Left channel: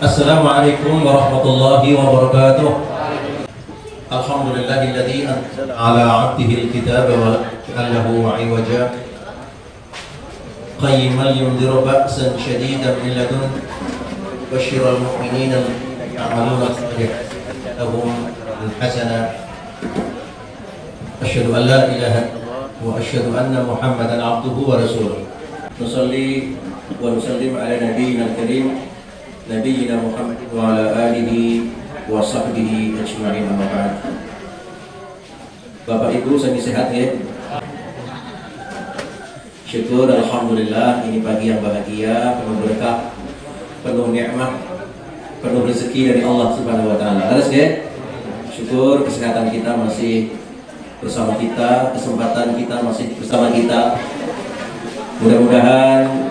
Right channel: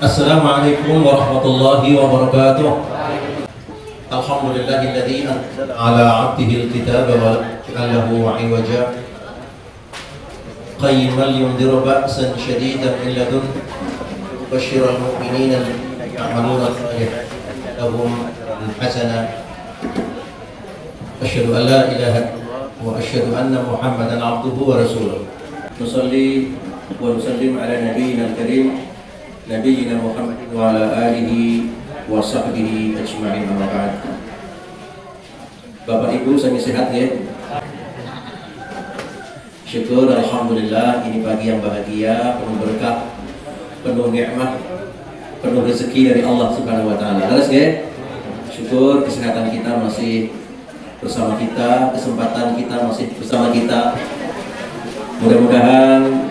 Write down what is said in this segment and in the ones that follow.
Assalamualaikum warahmatullahi wabarakatuh. Alhamdulillahilladzi anzala ala 'abdihi al-kitaba wa lam yaj'alhu 'iwaja qayyiman liyundhira ba'san shadidan min ladunhu wa yubashshiral mu'minina alladhina ya'maluna as-salihati lahum hasanah. Asyhadu an la ilaha illallah wa asyhadu anna Muhammadan 'abduhu wa rasuluh. Wassalli wa nusallim ala nabiyyina al-karim Nabiyyina Muhammad wa ala alihi wa sahbihi ajma'in, amma ba'd. Bapak Ibu sami sehat ya? Syukur, alhamdulillah, ini pagi yang bahagia, penuh berkah, penuh nikmat, penuh rezeki dari Allah Subhanahu wa taala. Harus ya? Syukur kesehatan kita masih bersama kita, kesempatan kita masih bersama kita. Mudah-mudahan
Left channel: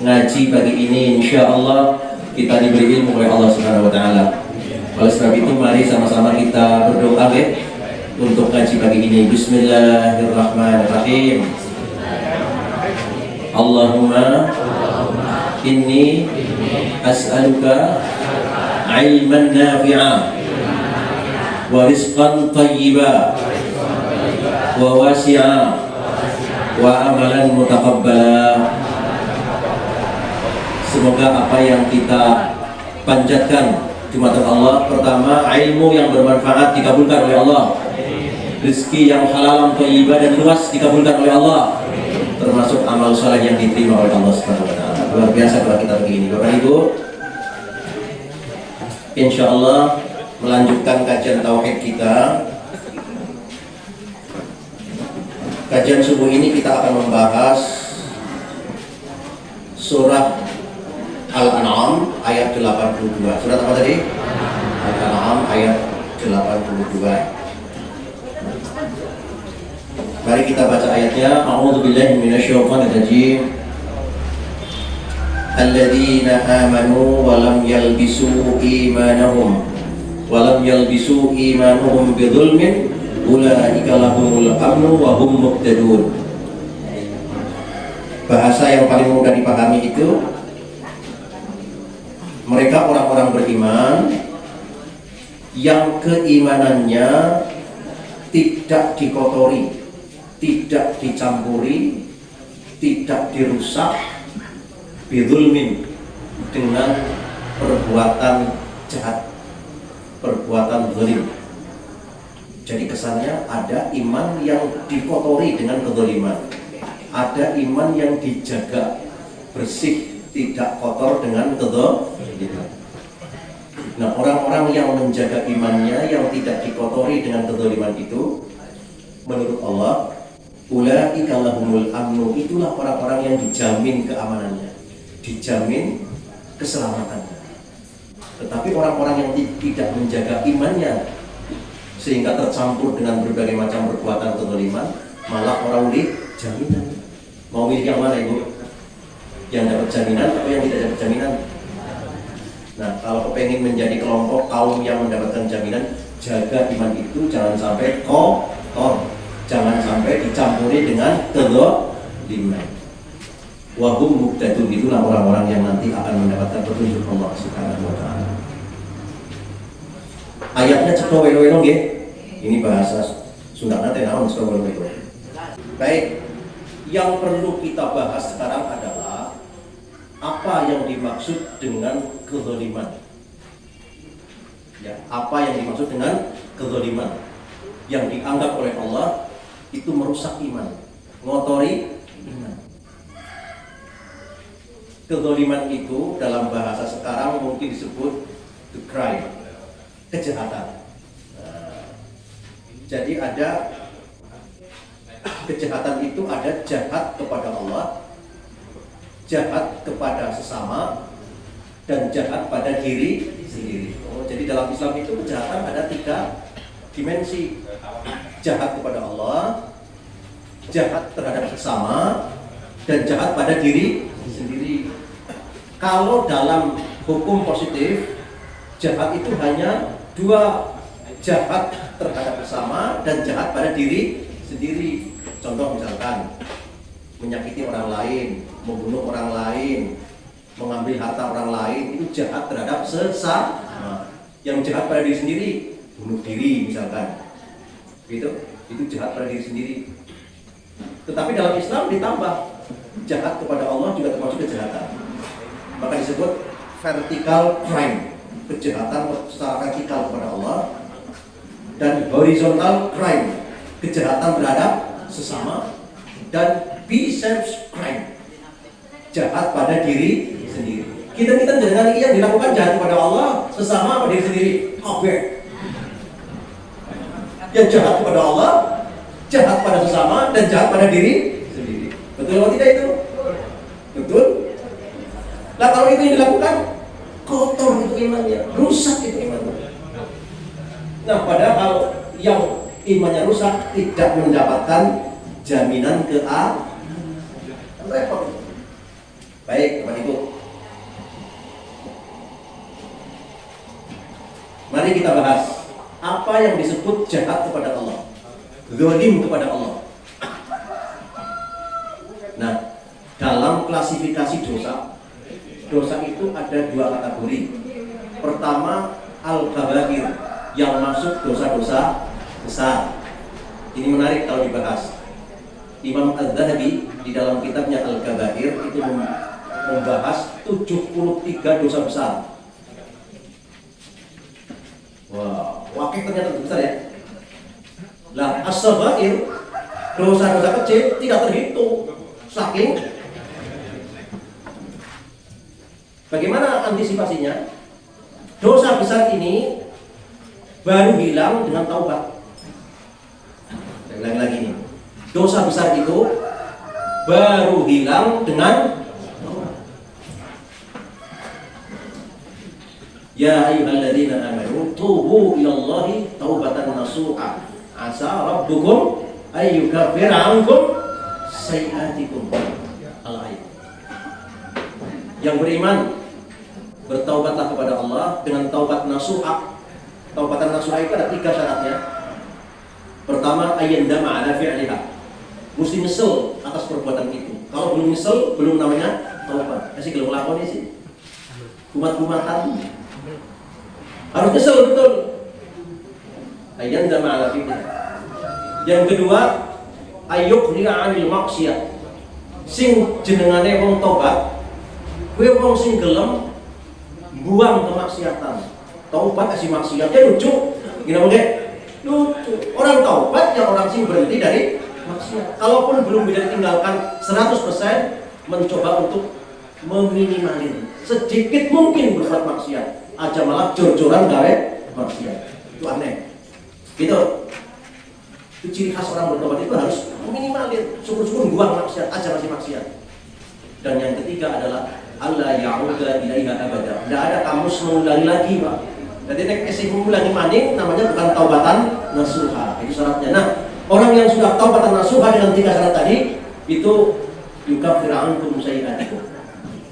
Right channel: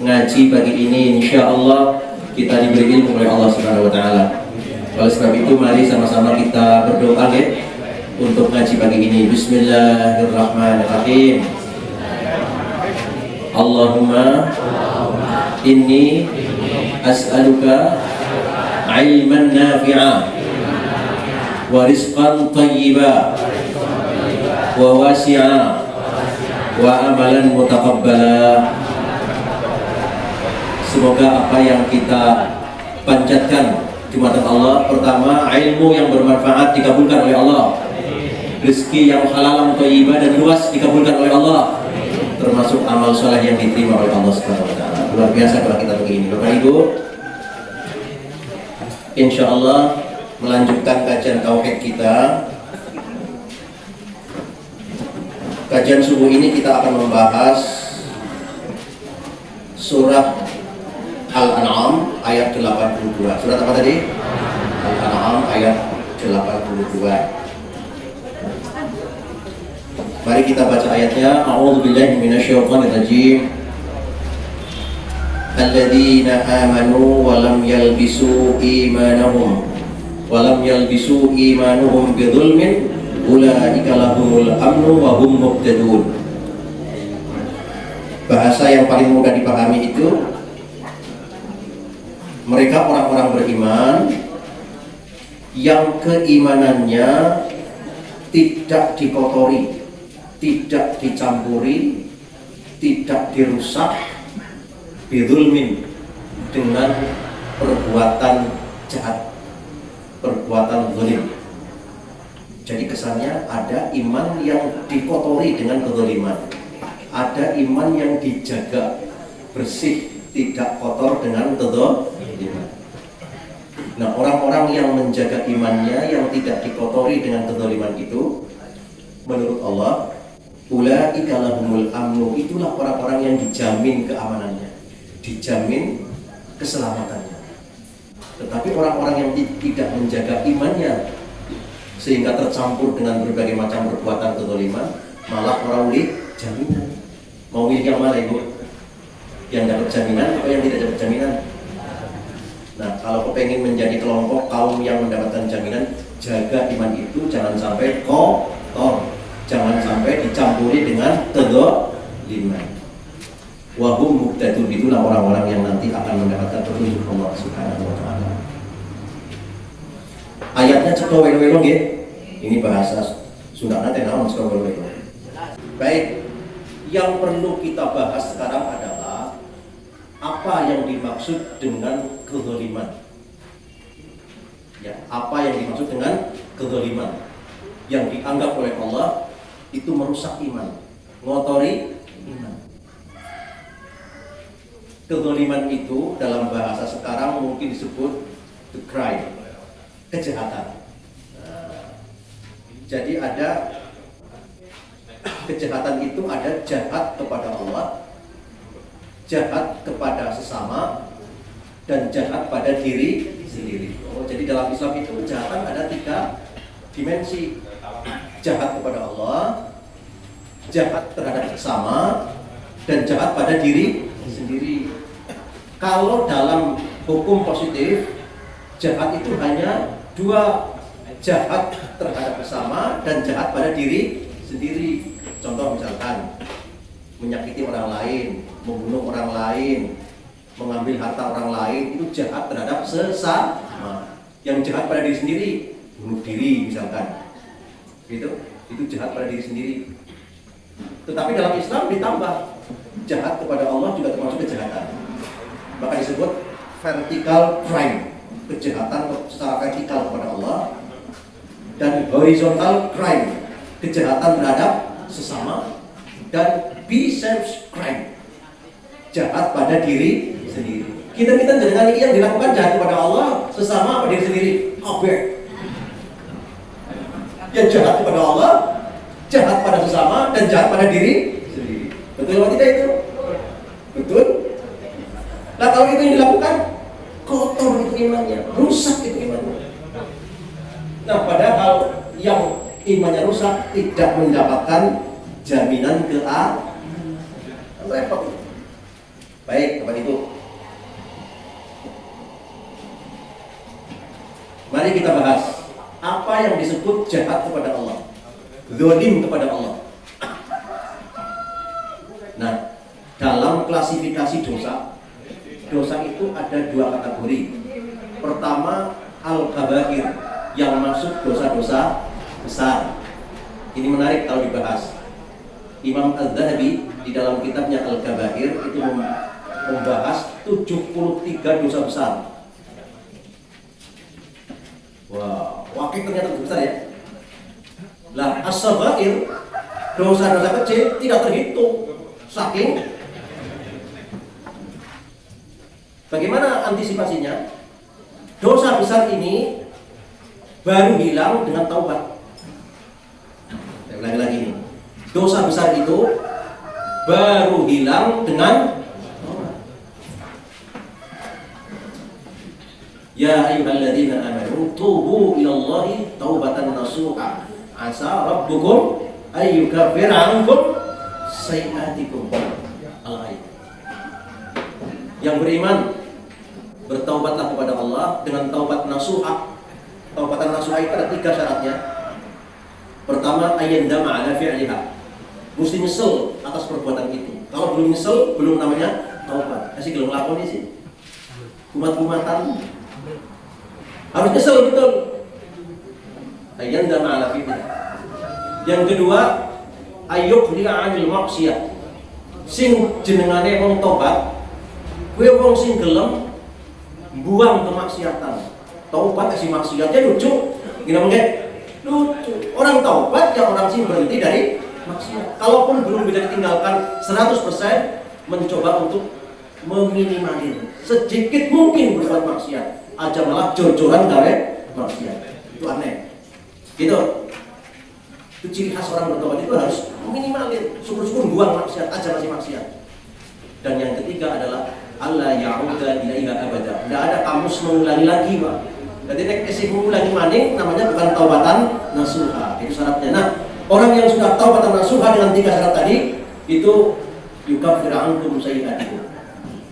ngaji pagi ini insyaallah kita diberi ilmu oleh Allah Subhanahu wa taala. Oleh sebab itu mari sama-sama kita berdoa ya untuk ngaji pagi ini. Bismillahirrahmanirrahim. Allahumma inni as'aluka ilman nafi'a wa rizqan thayyiba wa wasi'a wa amalan mutaqabbala. Semoga apa yang kita panjatkan di mata Allah, pertama ilmu yang bermanfaat dikabulkan oleh Allah, rezeki yang halal, thayyibah dan luas dikabulkan oleh Allah, termasuk amal saleh yang diterima oleh Allah Subhanahu wa taala. Luar biasa doa kita begini. Bapak Ibu, insyaallah melanjutkan kajian tauhid kita. Kajian subuh ini kita akan membahas surah Al-An'am ayat 82. Surat apa tadi? Al-An'am ayat 82. Mari kita baca ayatnya. A'udzubillahi minasyaitonir rajim. Alladzina amanu wa lam yalbisu imanahum bidzulmin ulaika lahumul amnu wa hum muhtadun. Bahasa yang paling mudah dipahami itu, mereka orang-orang beriman yang keimanannya tidak dikotori, tidak dicampuri, tidak dirusak bidzulmin, dengan perbuatan jahat, perbuatan zalim. Jadi kesannya ada iman yang dikotori dengan kezaliman, ada iman yang dijaga bersih, tidak kotor dengan kezaliman. Nah, orang-orang yang menjaga imannya yang tidak dikotori dengan kezaliman itu, menurut Allah, ulaika lahumul amnu, itulah orang-orang yang dijamin keamanannya, dijamin keselamatannya. Tetapi orang-orang yang tidak menjaga imannya sehingga tercampur dengan berbagai macam perbuatan kezaliman, malah orang jaminan. Mau milih yang mana Ibu? Yang dapat jaminan atau yang tidak dapat jaminan? Nah, kalau pengen menjadi kelompok kaum yang mendapatkan jaminan, jaga iman itu jangan sampai kotor, jangan sampai dicampuri dengan kezaliman. Wa hum muhtadun, itulah orang-orang yang nanti akan mendapatkan petunjuk Allah Subhanahu wa taala. Ayatnya ceto welo-welo nggih. Ini bahasa Sunda teh naon ceto welo-welo. Baik, yang perlu kita bahas sekarang adalah apa yang dimaksud dengan kezaliman. Ya, apa yang dimaksud dengan kezaliman yang dianggap oleh Allah itu merusak iman, ngotori iman. Kezaliman itu dalam bahasa sekarang mungkin disebut the crime, kejahatan. Jadi ada kejahatan itu, ada jahat kepada Allah, jahat kepada sesama, dan jahat pada diri sendiri. Jadi dalam Islam itu kejahatan ada 3 dimensi: jahat kepada Allah, jahat terhadap sesama, dan jahat pada diri sendiri. Kalau dalam hukum positif, jahat itu hanya 2, jahat terhadap sesama dan jahat pada diri sendiri. Contoh misalkan menyakiti orang lain, membunuh orang lain, mengambil harta orang lain itu jahat terhadap sesama. Yang jahat pada diri sendiri, bunuh diri misalkan, itu jahat pada diri sendiri. Tetapi dalam Islam ditambah, jahat kepada Allah juga termasuk kejahatan. Maka disebut vertical crime, kejahatan secara vertikal kepada Allah, dan horizontal crime, kejahatan terhadap sesama, dan biceps crime, jahat pada diri sendiri. Kita dengan ini yang dilakukan jahat kepada Allah, sesama pada diri sendiri. Kabeh. Yang jahat kepada Allah, jahat pada sesama, dan jahat pada diri sendiri. Betul atau tidak itu? Betul. Nah kalau itu yang dilakukan, kotor itu imannya, rusak itu imannya. Nah padahal yang imannya rusak tidak mendapatkan jaminan repot. Baik, Bapak Ibu. Mari kita bahas apa yang disebut jahat kepada Allah, zalim kepada Allah. Nah, dalam klasifikasi dosa itu ada dua kategori. Pertama, al-kabair, yang masuk dosa-dosa besar. Ini menarik kalau dibahas. Imam Al-Dhahabi di dalam kitabnya Al-Kabair itu membahas 73 dosa besar. Wah, wakil ternyata besar ya. Lah, as-saghair, dosa-dosa kecil tidak terhitung. Saking. Bagaimana antisipasinya? Dosa besar ini baru hilang dengan taubat. Saya ulangi lagi nih. Dosa besar itu baru hilang dengan taubat. Ya ayyuhalladzina amanu tubu ilallahi taubatan nasuha asa rabbukum ayyukaffira 'ankum sayyi'atikum. Yang beriman bertaubatlah kepada Allah dengan taubat nasuha. Taubatan nasuha itu ada 3 syaratnya. Pertama, ayyandama 'ala fi'liha. Mesti nyesel atas perbuatan itu. Kalau belum nyesel, belum namanya taubat. Kasih gelong lakon sih. Kumat-kumatan. Harus nyesel betul. Ayyandama 'ala fi'liha. Yang kedua, ayyuqli'a 'anil maksiyah. Sing jenengane wong taubat, kuwi wong sing gelem buang kemaksiatan. Taubat kasih maksiat dia lucu. Gimana mungkin? Lucu. Orang taubat ya orang sing berhenti dari maksiat. Kalaupun belum bisa ditinggalkan 100%, mencoba untuk meminimalir sedikit mungkin berbuat maksiat. Aja malah jor-joran gawe maksiat. Itu aneh. Gitu. Itu ciri khas orang bertaubat itu harus meminimalir, syukur-syukur buang maksiat, aja kasih maksiat. Dan yang ketiga adalah Allah ya'uda ilaiha abada. Tidak ada kamus mengulangi lagi, Pak. Jadi nek kasih mengulangi maning namanya bukan taubatan nasuha. Itu syaratnya. Nah, orang yang sudah taubatan nasuha dengan 3 syarat tadi itu yukaffiru 'ankum sayyi'atikum.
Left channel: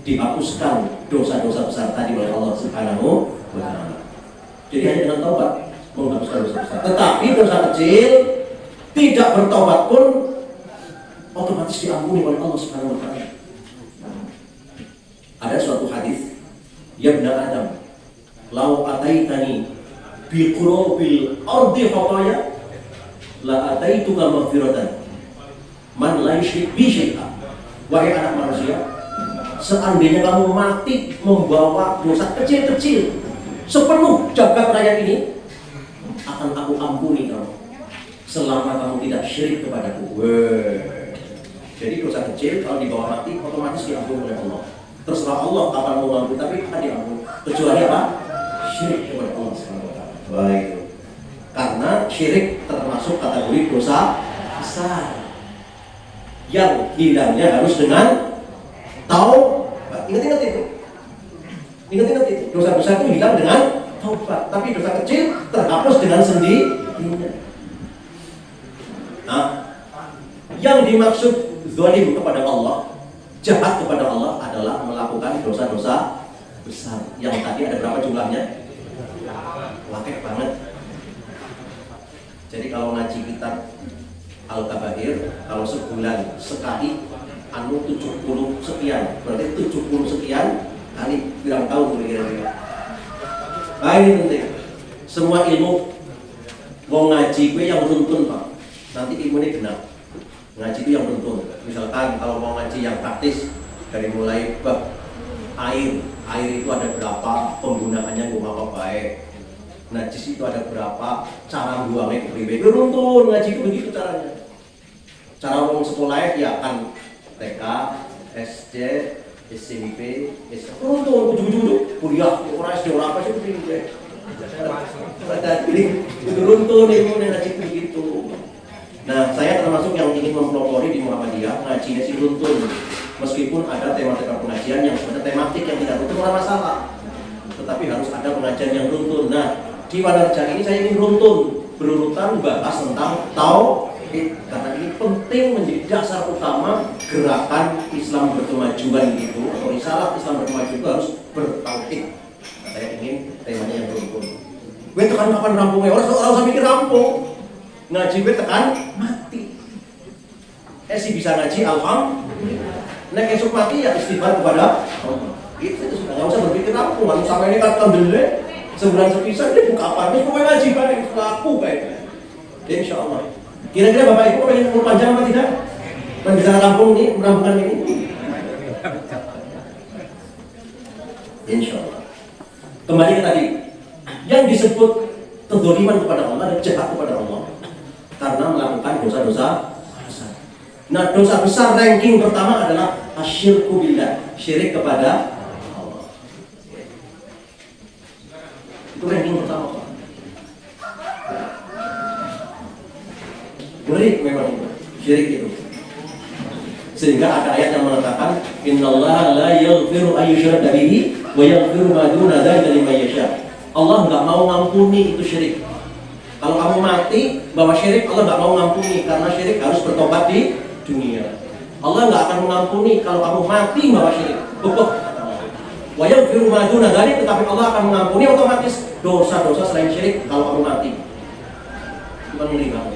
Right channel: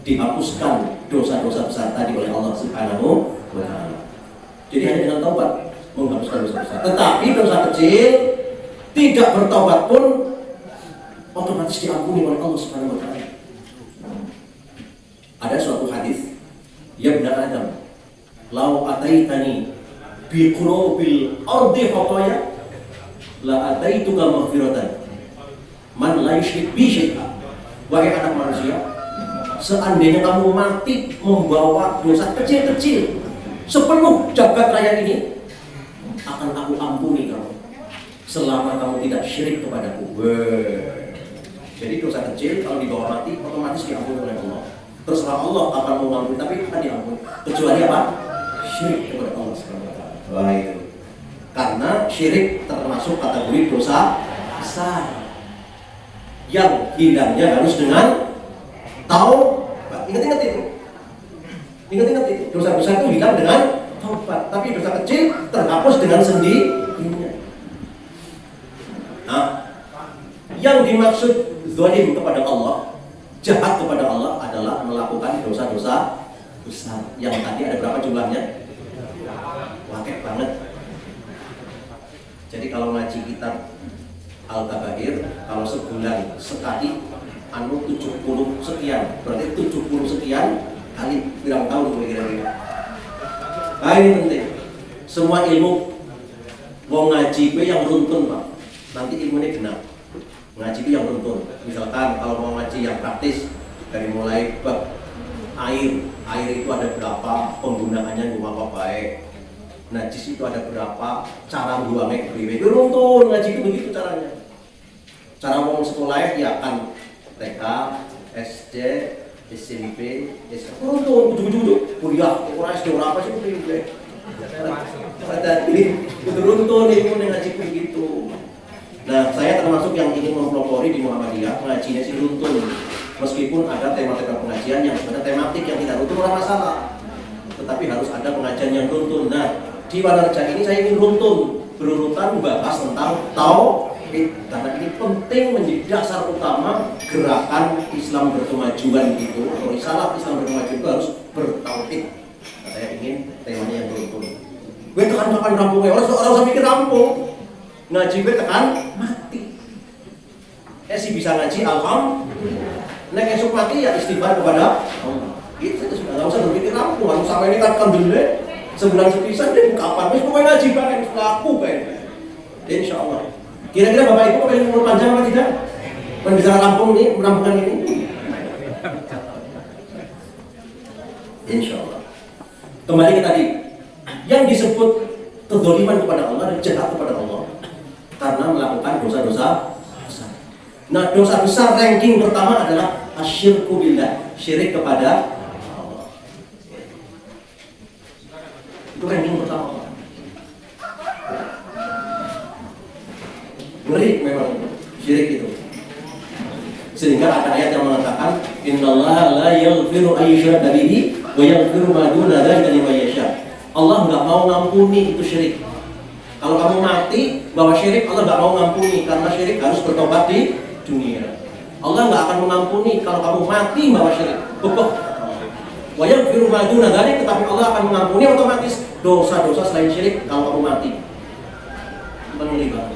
Dihapuskan dosa-dosa besar tadi oleh Allah Subhanahu wa taala. Jadi hanya dengan taubat menghapuskan dosa besar. Tetapi dosa kecil tidak bertobat pun otomatis diampuni oleh Allah Subhanahu wa taala. Ada suatu hadis, ya benar Adam, lau ataitani bi qurubil ardi khataya la ataituka maghfiratan man la yusyrik bi syai'a. Wahai anak manusia, seandainya kamu mati membawa dosa kecil-kecil sepenuh jagat raya ini, akan aku ampuni kamu selama kamu tidak syirik kepadaku. Jadi dosa kecil kalau dibawa mati otomatis diampuni oleh Allah. Terserah Allah kapan mau ngampuni, tapi akan diampuni. Kecuali apa? Syirik kepada Allah SWT. Baik. Karena syirik termasuk kategori dosa besar yang hilangnya harus dengan taubat. Ingat itu. Ingat itu. Dosa besar itu hilang dengan taubat, tapi dosa kecil terhapus dengan sendirinya. Nah, yang dimaksud zalim kepada Allah, jahat kepada Allah adalah melakukan dosa-dosa besar. Yang tadi ada berapa jumlahnya? Banyak banget. Jadi kalau ngaji kitab Al-Kabair, kalau sebulan sekali 70 sekian, berarti 70 sekian kali tidak tahu kira-kira. Nah ini penting. Semua ilmu mau ngaji yang runtun Pak. Nanti ilmunya benar. Ngaji itu yang runtun. Misalkan kalau mau ngaji yang praktis dari mulai air itu ada berapa, penggunaannya gimana baik. Najis itu ada berapa, cara buangnya itu runtun ngaji begitu caranya. Cara mau sekolah ya kan TK, SD, SMP, runtun, ujung-ujung kuliah, orang SD apa sih itu runtun ilmu ngaji begitu. Nah, saya termasuk yang ingin mempelopori di Muhammadiyah ngajinya si runtun. Meskipun ada tema-tema pengajian yang ada tematik yang tidak runtun orang masalah, tetapi harus ada pengajian yang runtun. Nah, di Wanarja ini saya ingin runtun berurutan bahas tentang tauhid karena ini penting menjadi dasar utama gerakan Islam berkemajuan itu. Atau risalah Islam berkemajuan itu harus bertauhid. Saya ingin temanya yang runtun. Gue tekan kapan rampung ya? Orang saya mikir rampung. Ngaji gue tekan mati. Si bisa ngaji alhamdulillah. Nek esok mati ya istighfar kepada itu sudah nggak usah berpikir rampung. Lalu sama ini kan alhamdulillah. Sebulan sepisah dia buka apa? Terus pokoknya ngaji kan itu laku baik. Insya Allah. Kira-kira Bapak Ibu pengen umur panjang atau tidak? Berbicara Lampung ini, menambahkan ini. Insya Allah. Kembali ke tadi, yang disebut kezaliman kepada Allah dan jahat kepada Allah karena melakukan dosa-dosa besar. Nah, dosa besar ranking pertama adalah asyirku billah, syirik kepada Allah. Itu ranking pertama. Murid memang syirik itu. Sehingga ada ayat yang mengatakan innallaha la yaghfiru an yushraka bihi wa yaghfiru ma duna dzalika liman yasha. Allah enggak mau ngampuni itu syirik. Kalau kamu mati bahwa syirik, Allah enggak mau ngampuni karena syirik harus bertobat di dunia. Allah enggak akan mengampuni kalau kamu mati bahwa syirik. Wa yaghfiru ma duna dzalika, tetapi Allah akan mengampuni otomatis dosa-dosa selain syirik kalau kamu mati. Mengerikan.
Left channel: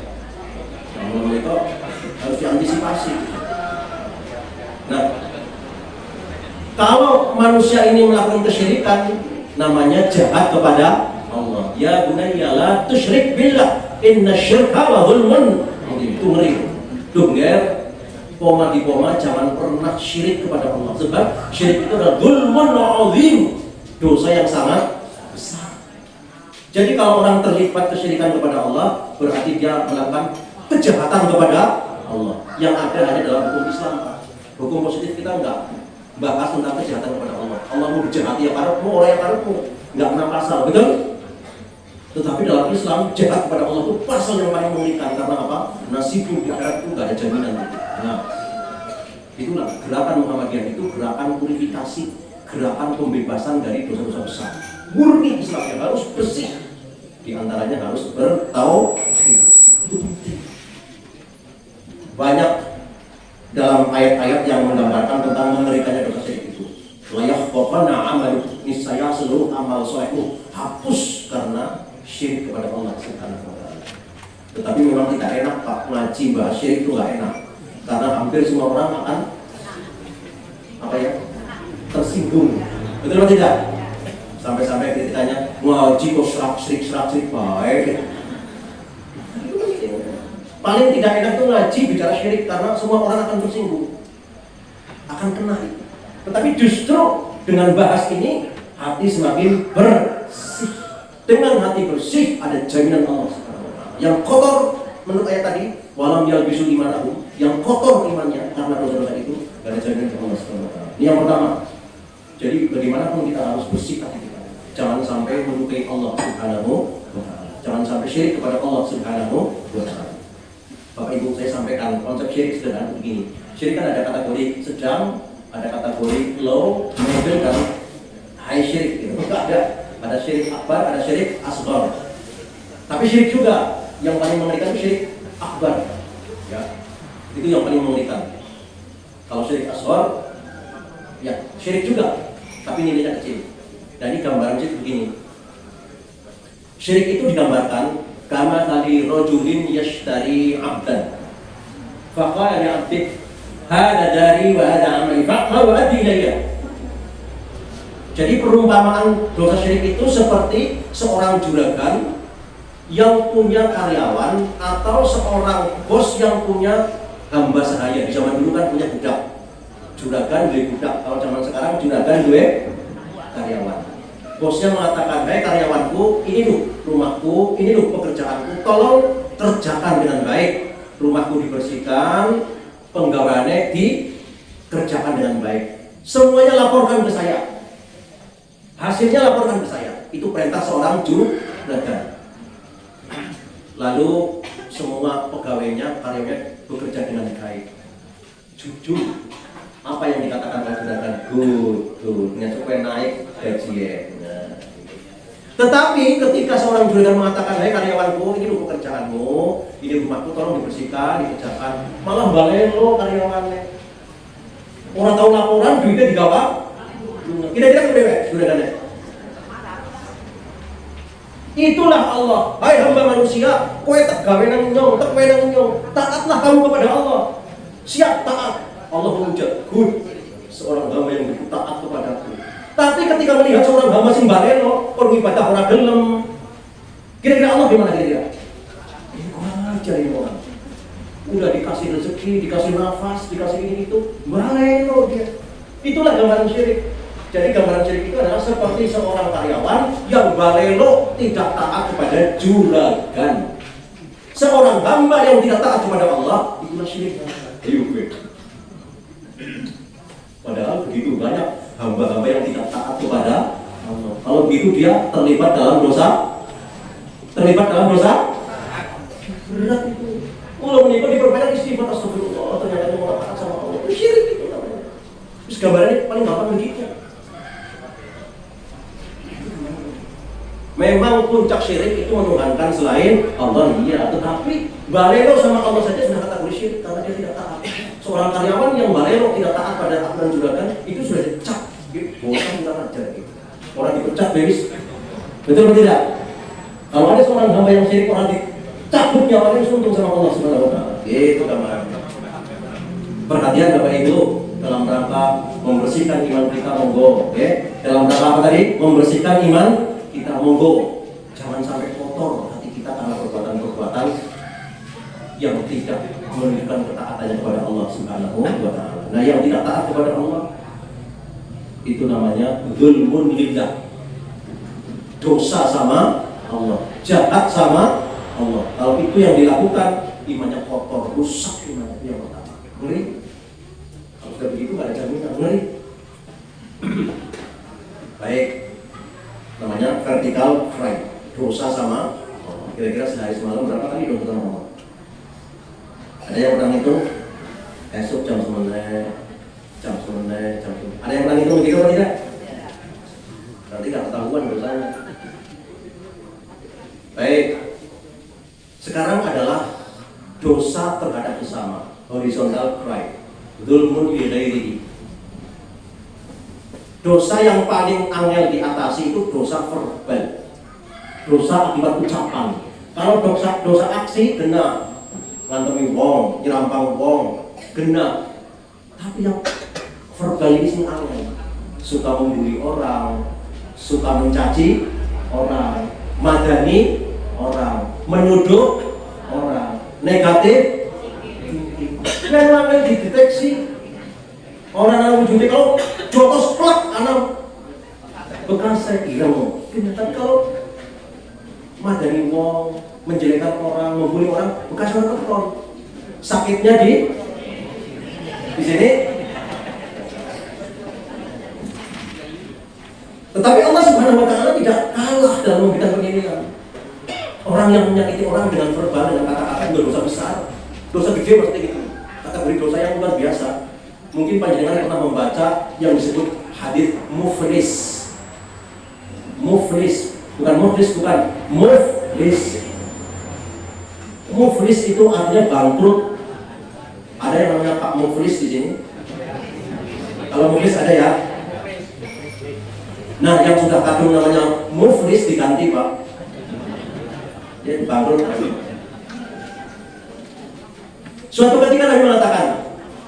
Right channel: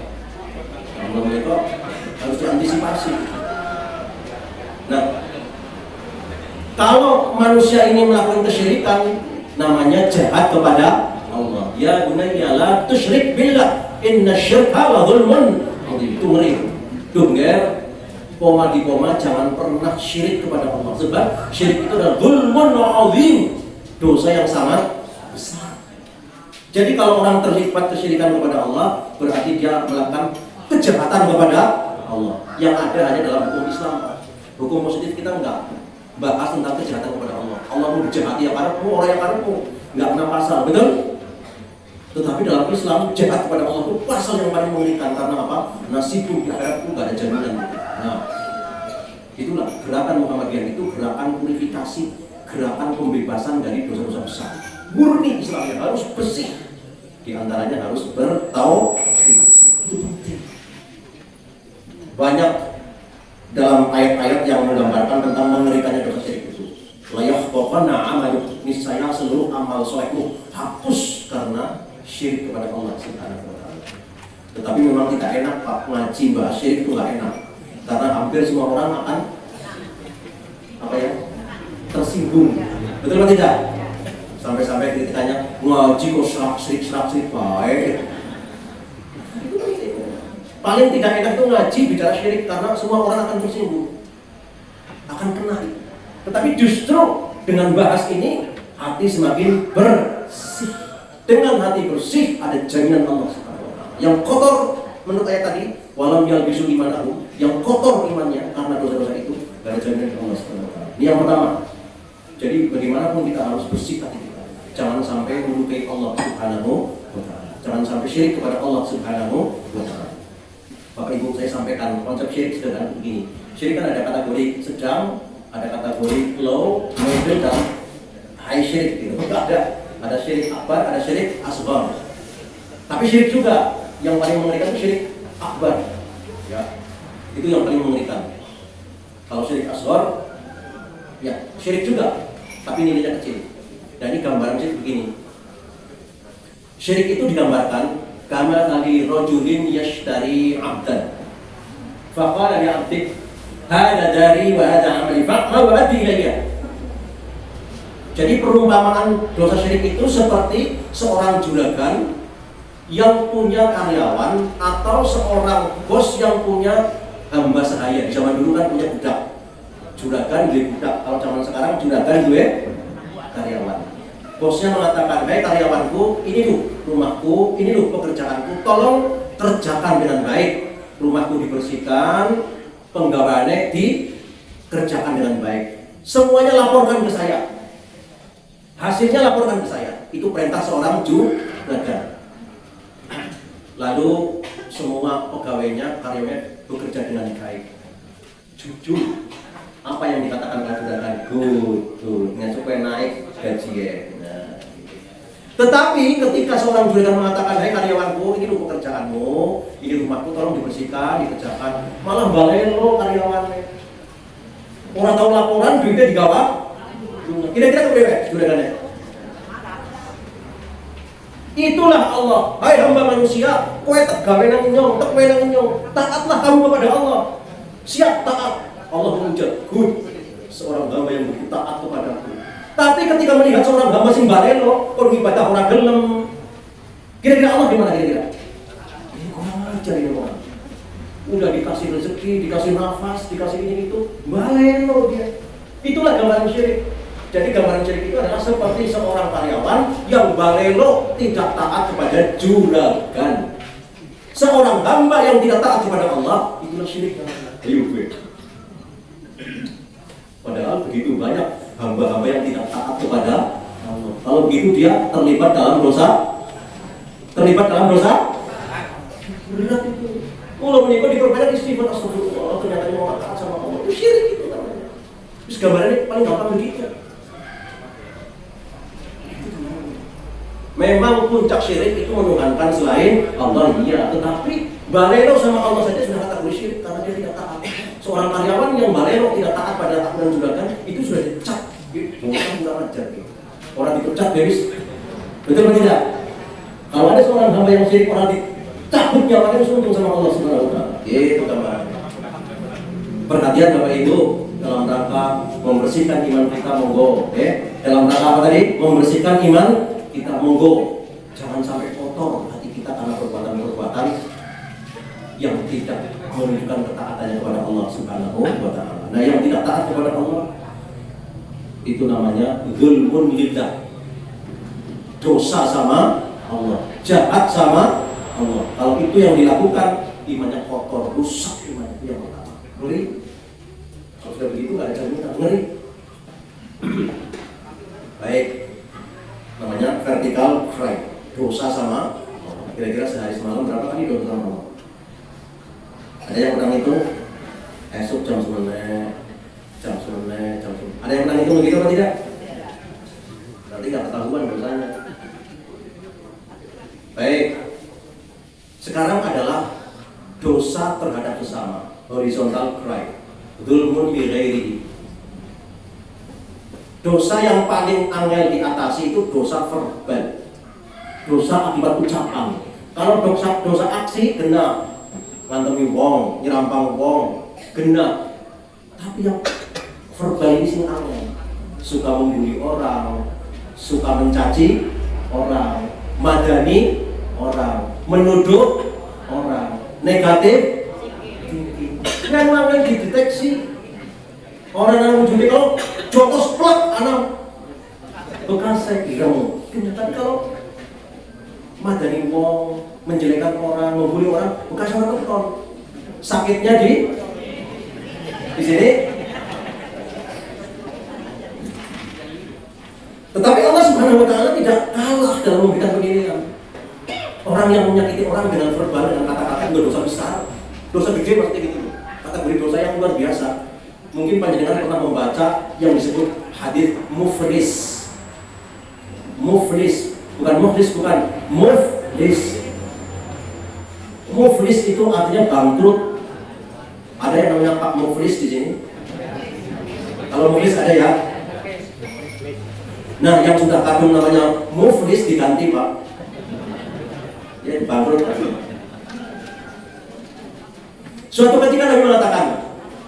Harus diantisipasi. Nah, kalau manusia ini melakukan kesyirikan, namanya jahat kepada Allah. Ya bunayya la tusyrik billah, inna syirka la dzulmun adzim. Itu ngeri. Dongger, koma di koma, jangan pernah syirik kepada Allah. Sebab syirik itu adalah dzulmun adzim, dosa yang sangat besar. Jadi kalau orang terlibat kesyirikan kepada Allah, berarti dia melakukan kejahatan kepada Allah. Yang ada hanya dalam hukum Islam. Hukum positif kita enggak bahas tentang kejahatan kepada Allah. Allah mau dijahati ya karepmu, orang yang karepmu, enggak kena pasal, betul? Tetapi dalam Islam jahat kepada Allah itu pasal yang paling mengerikan karena apa? Nasibmu di akhirat itu enggak ada jaminan. Nah, itulah gerakan Muhammadiyah itu gerakan purifikasi, gerakan pembebasan dari dosa-dosa besar. Murni Islam yang harus bersih. Di antaranya harus bertauhid. Banyak dalam ayat-ayat yang menggambarkan tentang mengerikannya dosa itu. Layak pokoknya amal niscaya seluruh amal solehku hapus karena syirik kepada Allah Subhanahu wa Ta'ala. Tetapi memang tidak enak Pak, ngaji bahas syirik itu nggak enak karena hampir semua orang akan tersinggung. Betul atau tidak? Sampai-sampai kita tanya ngaji kok serak-serik baik. Paling tidak enak tuh ngaji bicara syirik karena semua orang akan tersinggung, akan kena. Tetapi justru dengan bahas ini hati semakin bersih. Dengan hati bersih ada jaminan Allah. Yang kotor menurut ayat tadi, walam yalbisul imanahu, yang kotor imannya karena dosa-dosa itu ada jaminan Allah. Ini yang pertama. Jadi bagaimanapun kita harus bersih hati kita. Jangan sampai melukai Allah Subhanahu wa Ta'ala. Jangan sampai syirik kepada Allah Subhanahu wa Ta'ala. Bapak Ibu saya sampaikan konsep syirik sudah begini. Syirik kan ada kategori sedang, ada kategori low, middle, dan high syirik. Gitu. Ada syirik akbar, ada syirik asghar. Tapi syirik juga yang paling mengerikan itu syirik akbar. Ya, itu yang paling mengerikan. Kalau syirik asghar, ya syirik juga, tapi nilainya kecil. Nah ini gambaran syirik ini. Syirik itu digambarkan kama tadi rajulin yashtari 'abdan. Faqala li 'abdi, "Hada dari wa hada 'amali, fa'mal wa addi ilayya." Jadi perumpamaan dosa syirik itu seperti seorang juragan yang punya karyawan atau seorang bos yang punya hamba sahaya. Di zaman dulu kan punya budak, juragan gue budak. Kalau zaman sekarang juragan gue karyawan. Bosnya mengatakan, baik karyawanku, ini loh rumahku, ini loh pekerjaanku, tolong kerjakan dengan baik. Rumahku dibersihkan, penggawaannya dikerjakan dengan baik. Semuanya laporkan ke saya. Hasilnya laporkan ke saya. Itu perintah seorang juragan. Lalu semua pegawainya, karyawannya bekerja dengan baik, jujur. Apa yang dikatakan juragan? Good, nggak naik gaji. Tetapi ketika seorang juragan mengatakan, hei karyawanku, ini buku pekerjaanmu, ini rumahku, tolong dibersihkan, dikerjakan, malah balelo karyawannya. Orang tahu laporan, duitnya digawat. Kira-kira berapa juragannya? Itulah Allah. Hai hamba manusia, kowe tegawe nang nyong, kowe nang nyong. Taatlah kamu kepada Allah. Siap taat. Allah memuja, good. Seorang hamba yang taat kepadaku. Tapi ketika melihat seorang hamba sing balelo, kok ibadah orang gelem. Kira-kira Allah gimana kira-kira? Ini kurang ajar ini orang. Udah dikasih rezeki, dikasih nafas, dikasih ini itu, balelo dia. Itulah gambaran syirik. Jadi gambaran syirik itu adalah seperti seorang karyawan yang balelo tidak taat kepada juragan. Seorang hamba yang tidak taat kepada Allah, itulah syirik. Padahal begitu banyak hamba-hamba yang tidak taat kepada Allah. Kalau begitu dia terlibat dalam dosa. Berat itu. Kalau menikah diperbanyak istighfar, astagfirullah, ternyata mau taat sama Allah. Syirik itu namanya. Terus gambarannya paling gampang begitu. Memang puncak syirik itu menuhankan selain Allah, iya. Tetapi balelo sama Allah saja sudah kategori syirik karena dia tidak taat. Seorang karyawan yang balelo tidak taat pada aturan juragan itu sudah dicap. Orang dipecat beres. Betul atau tidak? Kalau ada seorang hamba yang syirik, orang dicabut nyawanya harus untung sama Allah Subhanahu wa taala. Itu gambarannya. Perhatian Bapak Ibu, dalam rangka membersihkan iman kita monggo, dalam rangka apa tadi? Membersihkan iman kita monggo. Jangan sampai kotor hati kita karena perbuatan-perbuatan yang tidak menunjukkan ketaatan kepada Allah Subhanahu wa taala. Nah, yang tidak taat kepada Allah itu namanya dzulmun lillah. Dosa sama Allah, jahat sama Allah. Kalau itu yang dilakukan, imannya kotor, rusak imannya. Ngeri. Sudah begitu ada jaminan, ngeri. Baik, namanya vertical crime, dosa sama Allah. Kira-kira sehari semalam berapa kali dokter ngomong? Ada yang pernah itu esok jam 9, ada yang pernah itu begitu atau tidak? Nanti nggak ketahuan dosanya. Baik, sekarang adalah dosa terhadap sesama, horizontal crime, dzulmun li ghairihi. Dosa yang paling angel diatasi itu dosa verbal, dosa akibat ucapan. Kalau dosa aksi kena ngantemi wong, nyerampang wong, kena. Tapi yang verbal ini sih aneh, suka membuli orang, suka mencaci orang, madani orang, menuduh orang, negatif. Memang yang dideteksi orang yang menjadi kalau jotos plak anak bekas ilmu. Tapi kalau madani wong, menjelekkan orang, membuli orang, bekas orang sakitnya di sini. Tetapi Allah Subhanahu wa taala tidak kalah dalam memberikan penilaian. Orang yang menyakiti orang dengan verbal, dengan kata-kata itu dosa besar, dosa gede seperti itu. Kategori dosa yang luar biasa. Mungkin panjenengan pernah membaca yang disebut hadis muflis. Muflis, bukan muflis, bukan muflis. Muflis itu artinya bangkrut. Ada yang namanya Pak Muflis di sini? Kalau muflis ada ya? Nah, yang sudah kandung namanya muflis diganti Pak. Ya, bangkrut. Suatu ketika Nabi mengatakan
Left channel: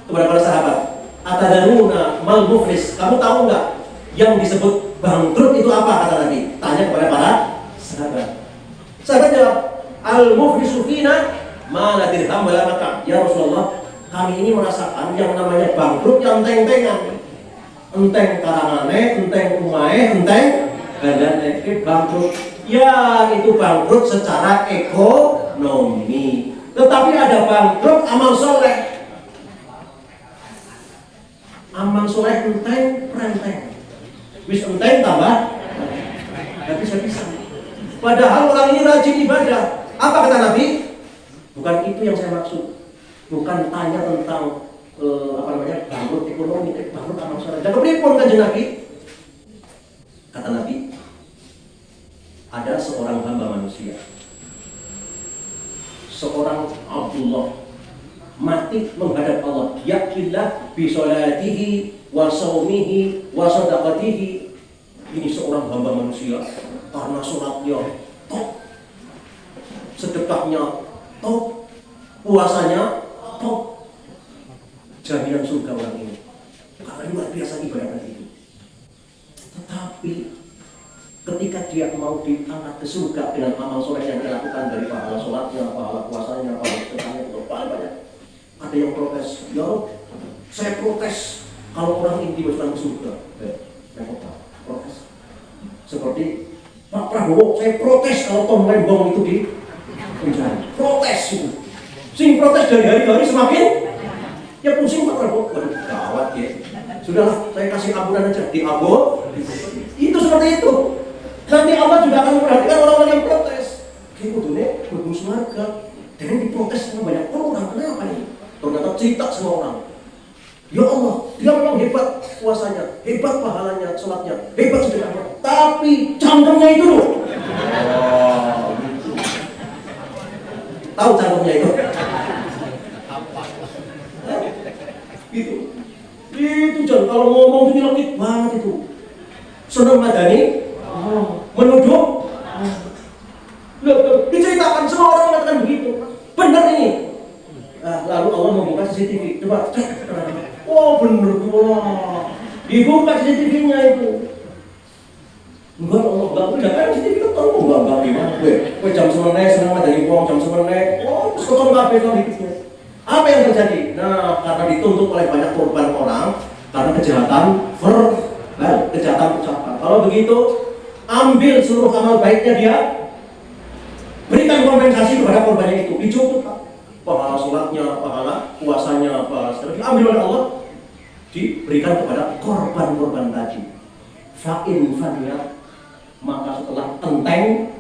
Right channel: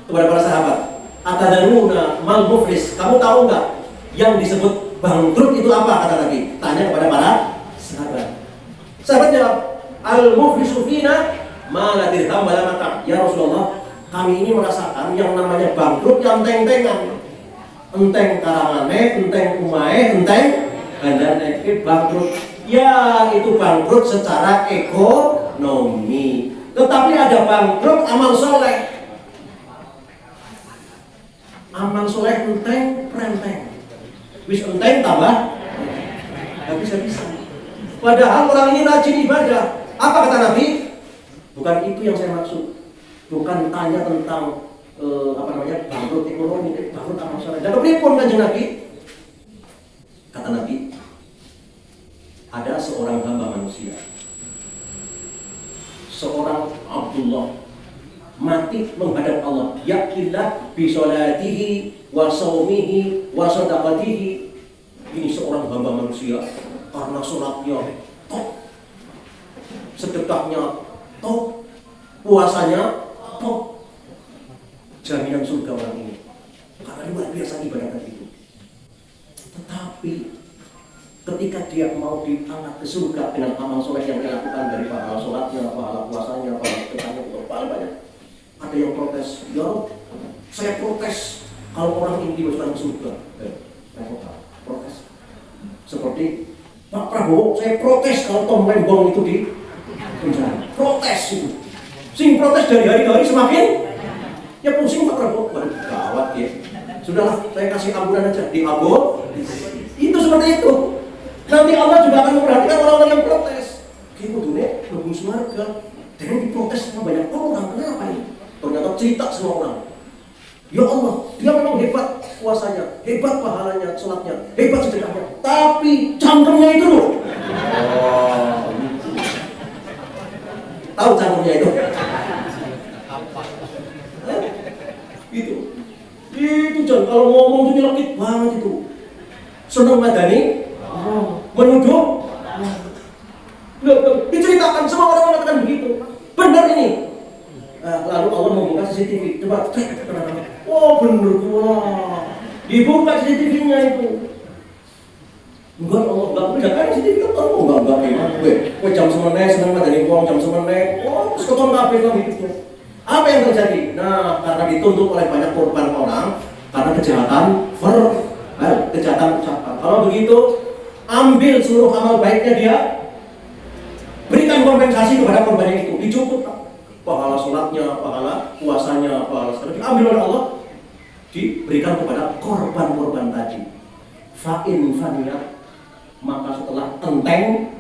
kepada para sahabat, "Atadaruna mal muflis?" Kamu tahu nggak yang disebut Bangkrut itu apa kata lagi? Tanya kepada para sahabat. Sahabat jawab, al-muflisu fina ma la dirham wa la mata'. Ya Rasulullah, kami ini merasakan yang namanya bangkrut yang enteng-entengan. Enteng karangane, enteng kumae, enteng gadane, bangkrut. Ya, itu bangkrut secara ekonomi. Tetapi ada bangkrut amal soleh. Amal soleh enteng, perenteng. Wis enteng tambah, gak bisa. Padahal orang ini rajin ibadah. Apa kata Nabi? Bukan itu yang saya maksud. Bukan tanya tentang bangkrut ekonomi, bangkrut amal soleh. Dan pripun kanjeng Nabi? Kata Nabi, ada seorang hamba manusia, seorang Abdullah, mati menghadap Allah. Yakillah bi sholatihi wa shaumihi wa shadaqatihi. Ini seorang hamba manusia karena sholatnya top, sedekahnya top, puasanya top, jaminan surga orang ini. Karena luar biasa ibadah itu. Tetapi ketika dia mau diangkat ke surga dengan amal soleh yang dia lakukan dari pahala sholatnya, pahala puasanya, pahala sedekahnya, paling banyak. Ada yang protes, ya saya protes kalau orang ini masuk ke surga. Protes. Seperti Pak Prabowo, saya protes kalau Tom Rembong itu di penjara. Protes itu. Sing protes dari hari-hari semakin ya pusing Pak Prabowo. Gawat ya. Sudahlah, saya kasih ampunan aja di Abo. Itu seperti itu. Nanti Allah juga akan memperhatikan orang-orang yang protes. Kayak kudunya bagus warga. Dan diprotes sama banyak orang. Kenapa nih? Ternyata cerita semua orang. Ya Allah, dia memang hebat puasanya, hebat pahalanya, sholatnya, hebat sedekahnya. Tapi cangkemnya itu loh. Tahu cangkemnya itu? Itu jangan kalau ngomong itu nyelekit banget itu. Seneng madani, menuduh. Diceritakan semua orang mengatakan begitu. Benar ini. Nah, lalu Allah membuka CCTV. Coba cek. Oh bener, wah. Dibuka CCTV-nya itu. Enggak, Allah enggak kan CCTV ketemu. Enggak gimana. Jam 9 senang madani uang jam 9. Oh, sekolah enggak bisa gitu. Apa yang terjadi? Nah, karena dituntut oleh banyak korban orang karena kejahatan kejahatan ucapan. Kalau begitu, ambil seluruh amal baiknya dia, berikan kompensasi kepada korbannya itu, dicukut pahala sholatnya, pahala puasanya, pahala diambil oleh Allah, diberikan kepada korban-korban tadi. Fa'in faniyat, maka setelah enteng,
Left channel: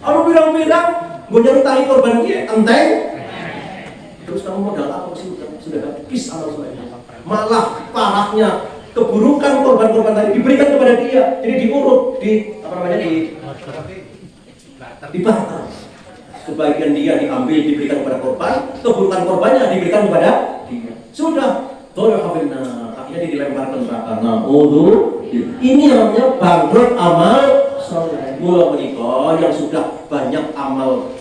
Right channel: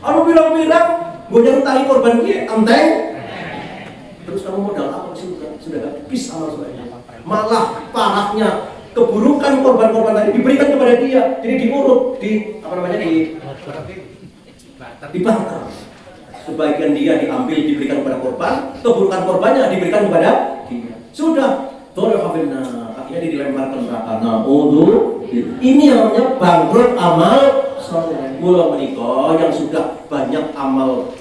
kalau bilang-bilang gue nyari tali korban ini, enteng. Terus kamu modal apa sih? Sudah kis atau sebagainya. Malah parahnya keburukan korban-korban tadi diberikan kepada dia. Jadi diurut, dibakar. Sebagian dia diambil diberikan kepada korban, keburukan korbannya diberikan kepada dia. Sudah, akhirnya dilemparkan neraka. Nah, ini namanya bangkrut amal soleh. Gua menikah yang sudah banyak amal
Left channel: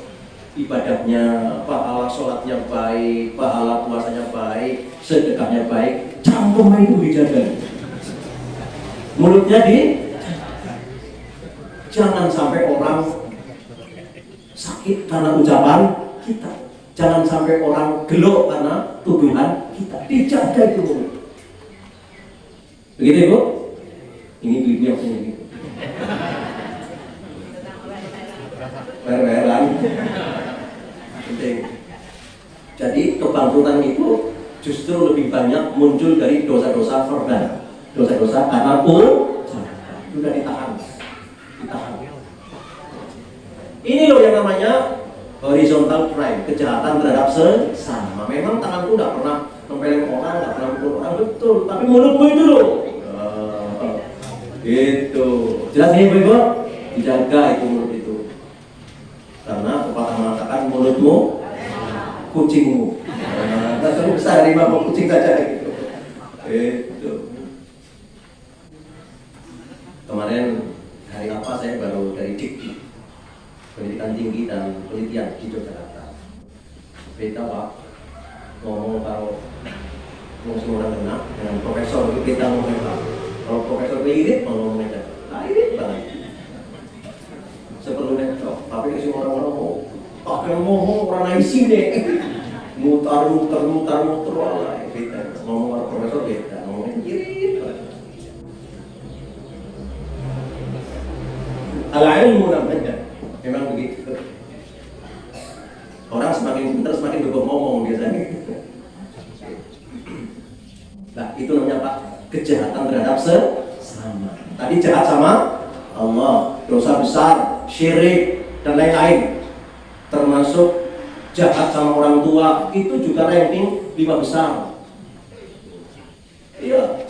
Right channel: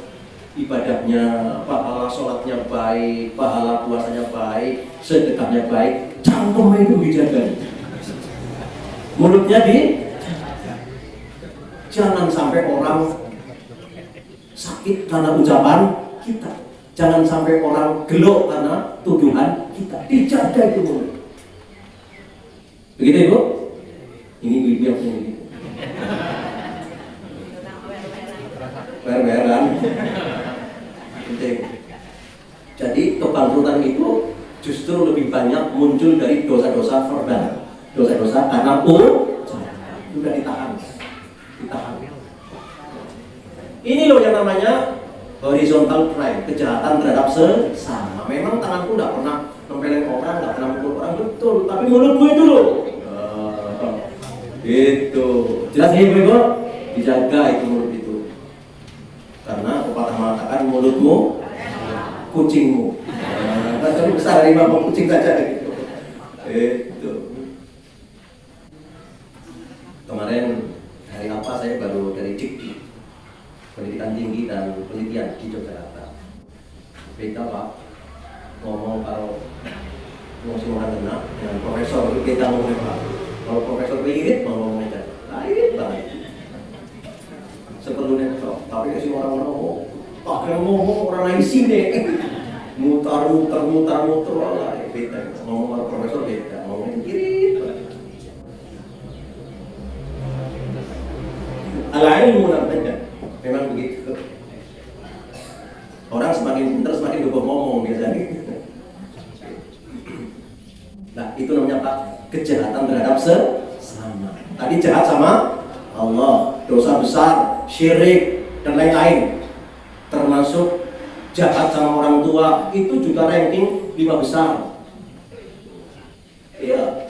ibadahnya, pahala sholatnya baik, pahala puasanya baik, sedekahnya baik, cangkemnya itu dijaga. Mulutnya jangan sampai orang sakit karena ucapan kita, jangan sampai orang gelo karena tuduhan kita, dijaga itu mulut. Begitu Ibu? Ini ibu yang ini. Jadi kebangkrutan itu justru lebih banyak muncul dari dosa-dosa verbal, dosa-dosa karena sudah ditahan. Ini loh yang namanya horizontal crime, kejahatan terhadap sesama. Memang tanganku tidak pernah membeleng orang, tidak pernah membunuh orang, betul. Tapi mulutmu itu loh. Itu jelas ya Ibu, dijaga itu mulut itu. Karena pepatah mengatakan mulutmu kucingmu. Tapi besar harimau kucing saja gitu. Itu. Kemarin hari apa saya baru dari Dikti, pendidikan tinggi dan penelitian di Yogyakarta. Beda Pak, ngomong kalau semua dengan profesor itu beda ngomong Pak. Kalau profesor irit mau ngomong aja, irit banget. Sepenuhnya, tapi sih orang-orang yang ngomong pernah di sini, mutar, wah, beda. Ngomong profesor beda, ngomongnya irit banget. Alain namanya, memang begitu. Orang semakin pintar semakin bebek ngomong biasanya. Nah, itu namanya apa? Kejahatan terhadap sesama. Tadi jahat sama Allah, dosa besar, syirik dan lain-lain. Termasuk jahat sama orang tua, itu juga ranking 5 besar. Iya,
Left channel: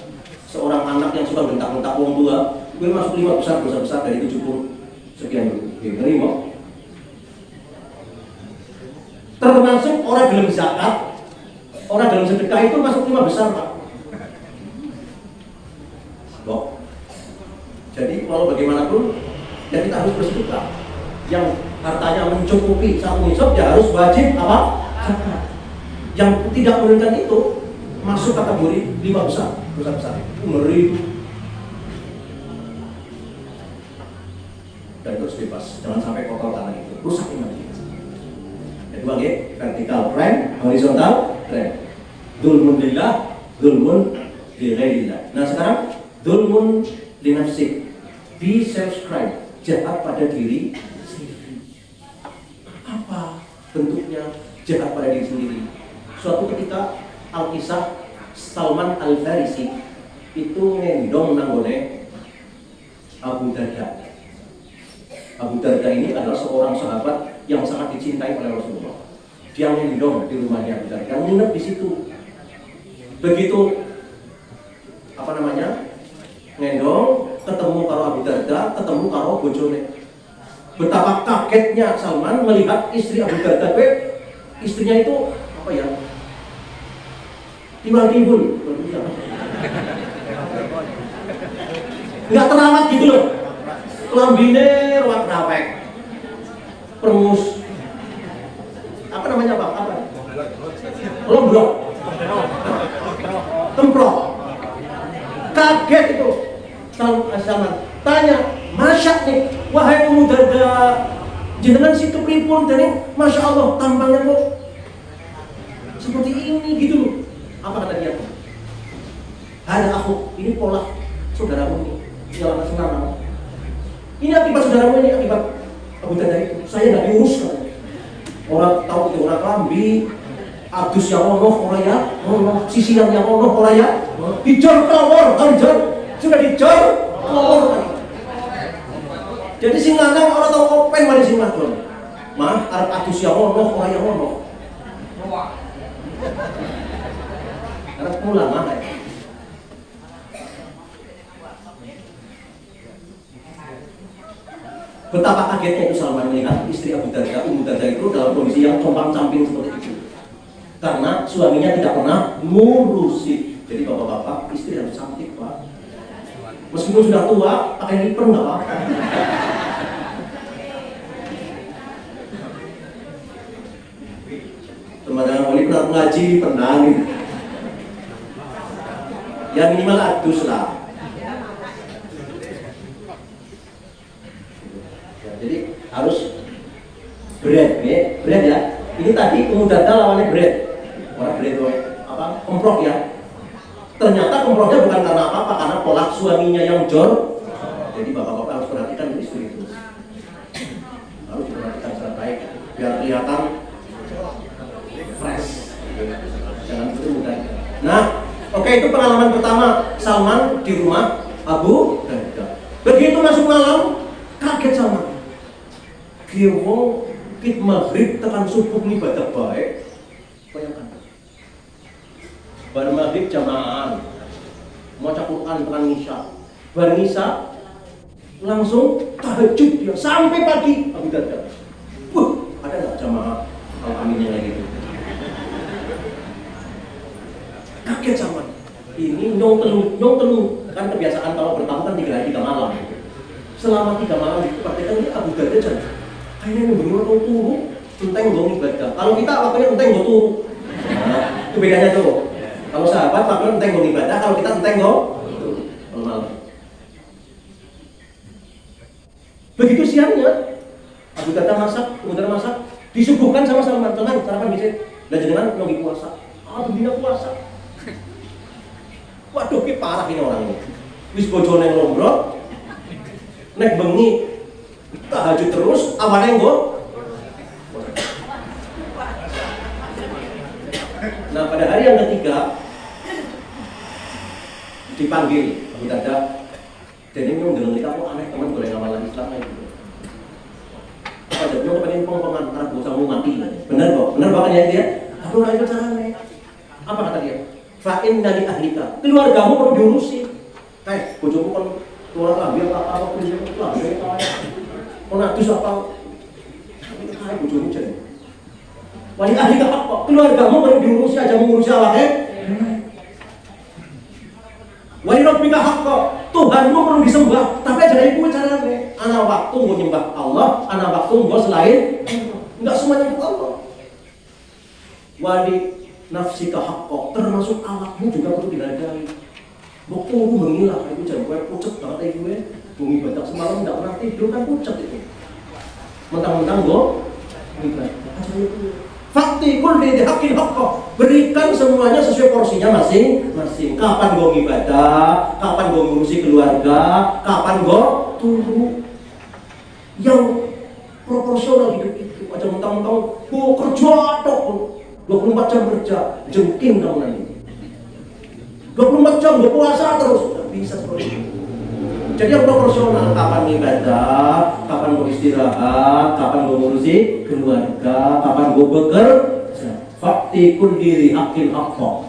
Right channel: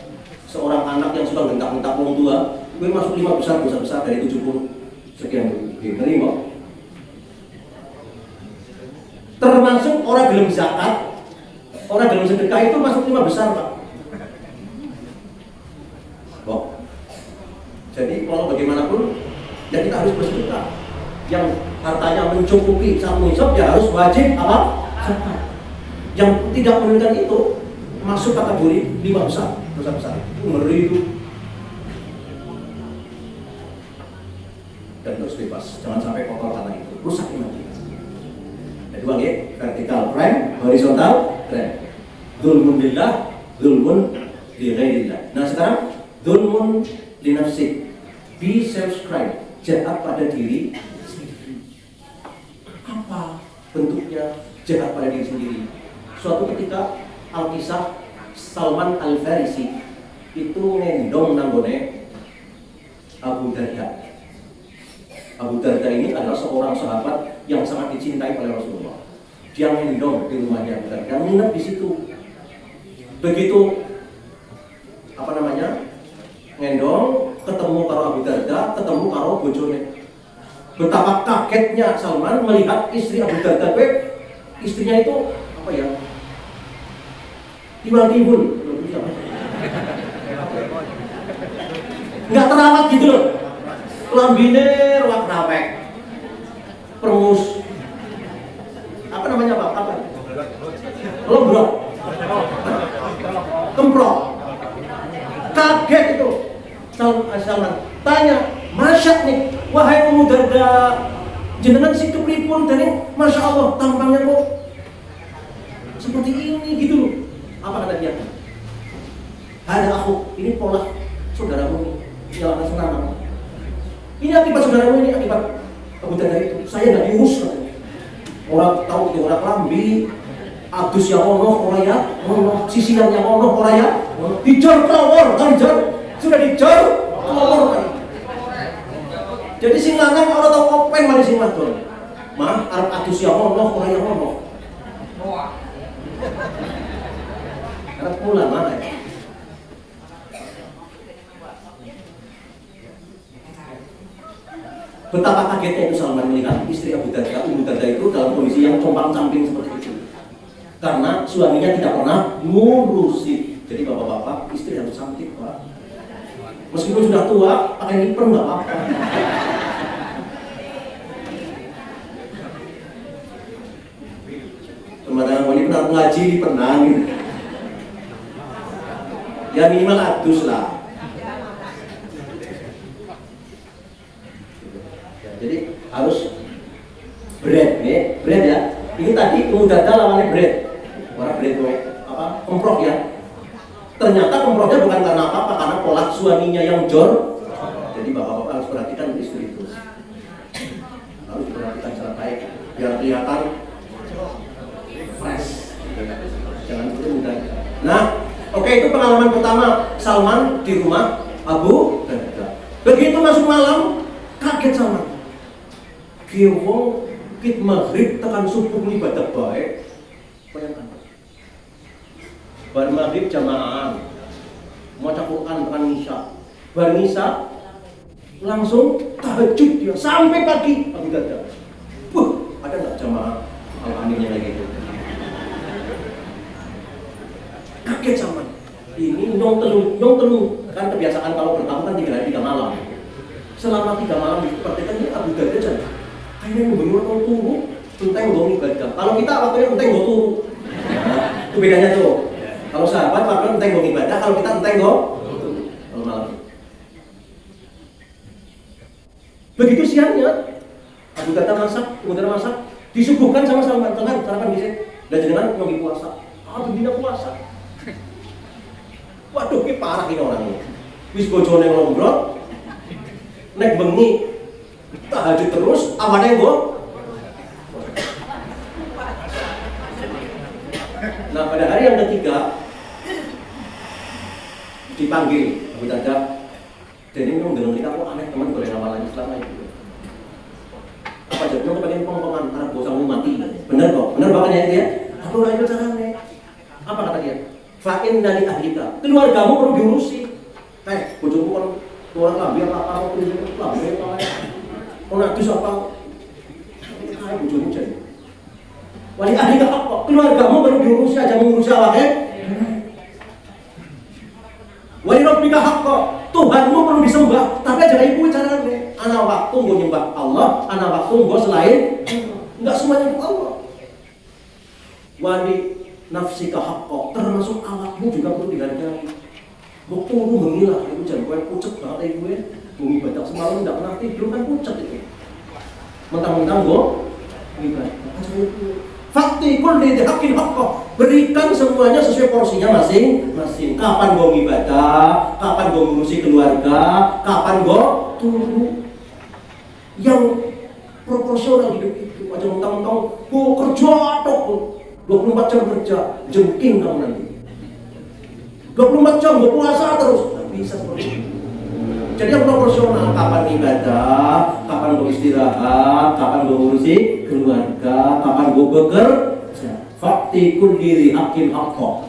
seorang anak yang suka bentak-bentak orang tua, itu masuk 5 besar, dosa besar dari 70 sekian terima. Termasuk orang belum zakat, orang dalam sedekah itu masuk 5 besar, Pak. Jadi walau bagaimanapun, ya kita harus bersedekah. Yang hartanya mencukupi satu nisab, ya harus wajib apa? Yang tidak menunjukkan itu masuk kategori 5 besar, dosa besar. Itu ngeri itu. Dan terus bebas, jangan sampai kotor tanah itu rusak. Jadi bagi vertikal trend, horizontal trend. Dzulmun billah, dzulmun li ghairillah. Nah sekarang dzulmun li nafsi, be self-crime, jahat pada diri sendiri. Apa bentuknya jahat pada diri sendiri? Suatu ketika Al-Kisah Salman Al-Farisi itu ngendong nanggone Abu Darda. Abu Darda ini adalah seorang sahabat yang sangat dicintai oleh Rasulullah. Dia ngendong di rumahnya Abu Darda, nginep di situ. Begitu ngendong, ketemu karo Abu Darda, ketemu karo bojone. Betapa kagetnya Salman melihat istri Abu Darda. Istrinya itu apa ya? Tiwal-tiwul. Nggak terawat gitu loh. Lambine rawat rapek. Perus. Apa namanya Pak? Apa? Lombrok. Kemprok. Kaget itu. Salman tanya, Masya nih, wahai Ummu Darda, jenengan situ pripun dari Masya Allah tampangnya kok seperti ini gitu. Apa kata dia? Ada aku, ini pola saudaramu ini, dalam asrama. Ini akibat saudaramu ini, akibat Abu Darda itu. Saya nggak diurus. Orang tahu itu orang lambi, Agus ya Allah, orang ya, sisinan ya Allah, orang ya, dicor kelawar, anjir, sudah dicor kelawar. Jadi si lanang orang tahu apa yang mana si madul. Mah, Agus ya Allah, orang ya Allah. Harus pulang mana? Betapa kagetnya itu Salman melihat istri Abu Darda. Abu Darda itu dalam kondisi yang compang-camping seperti itu. Karena suaminya tidak pernah ngurusi. Jadi bapak-bapak, istri harus cantik Pak. Meskipun sudah tua, akan liper nggak apa-apa. Kemarin ini pernah ngaji pernah nih. Yang minimal adus lah. Jadi harus bread ya. Ini tadi Ummu Darda lawannya bread. Orang bread apa? Komprok ya. Ternyata komproknya bukan karena apa-apa, karena pola suaminya yang jor. Jadi bapak-bapak harus perhatikan istri itu. Harus diperhatikan secara baik biar kelihatan fresh. Nah, oke, itu pengalaman pertama Salman di rumah Abu Darda. Begitu masuk malam, kaget Salman. Gewong kit maghrib tekan subuh ibadah baik. Bayangkan. Baru maghrib jamaah. Maca Quran tekan Isya. Baru Isya langsung tahajud dia sampai pagi Abu Darda. Ada enggak jamaah aminnya kayak gitu? Kaget Salman. Ini nyong telu kan kebiasaan kalau bertamu kan 3 hari 3 malam. Selama 3 malam itu pertanyaan Abu Darda jadi kayaknya bagaimana mau turun, enteng mau ibadah. Kalau kita waktunya enteng mau turun. Itu bedanya tuh. Kalau sahabat waktunya enteng mau ibadah, kalau kita enteng mau turun. Begitu siangnya, Abu Darda masak, disuguhkan sama Salman, jangan sarapan bisa, dan jangan lagi puasa. Begini puasa. Waduh, ini parah ini orang ini. Wis bojone ngombrok, nek bengi tahajud terus, apa yang gue? Nah, pada hari yang ketiga dipanggil Abu Darda, dan ini menggeleng aku aneh teman boleh nama lagi selama itu. Apa jadi lo pengen pengantar gue sama mati? Bener kok, bener banget ya dia. Aku lagi caranya. Apa kata dia? Fa'in dari ahlika, keluargamu perlu diurusi. Bojoku kan keluar lagi apa mau prinsip lagi. Kau nak terus apa? Tapi sekarang bojomu jadi. Wali ahlika apa? Keluargamu perlu diurusi aja mengurusi Allah. Wali rabbika haqqa, Tuhanmu perlu disembah, tapi jangan ikut caranya. Ana waktu gue nyembah Allah, ana waktu gue selain enggak semuanya untuk Allah. Wali nafsika haqqa, termasuk awakmu juga perlu dihargai. Waktu aku mengilah, itu jangan gue pucet banget gue. Bumi batak semalam tidak pernah tidur kan pucet itu. Mentang-mentang gue mengibadah. Fakti kulli dihaqil haqqa, berikan semuanya sesuai porsinya masing-masing. Kapan gue ibadah, kapan gue ngurusi keluarga, kapan gue tunggu yang proporsional hidup itu. Aja mentang-mentang gue kerja tok 24 jam kerja, jengking kamu nanti 24 jam gue puasa terus, nggak bisa seperti itu. Jadi yang proporsional, kapan ibadah, kapan gue istirahat, kapan gue ngurusi keluarga, kapan gue bekerja. Fakti kulli haqqin haqqa,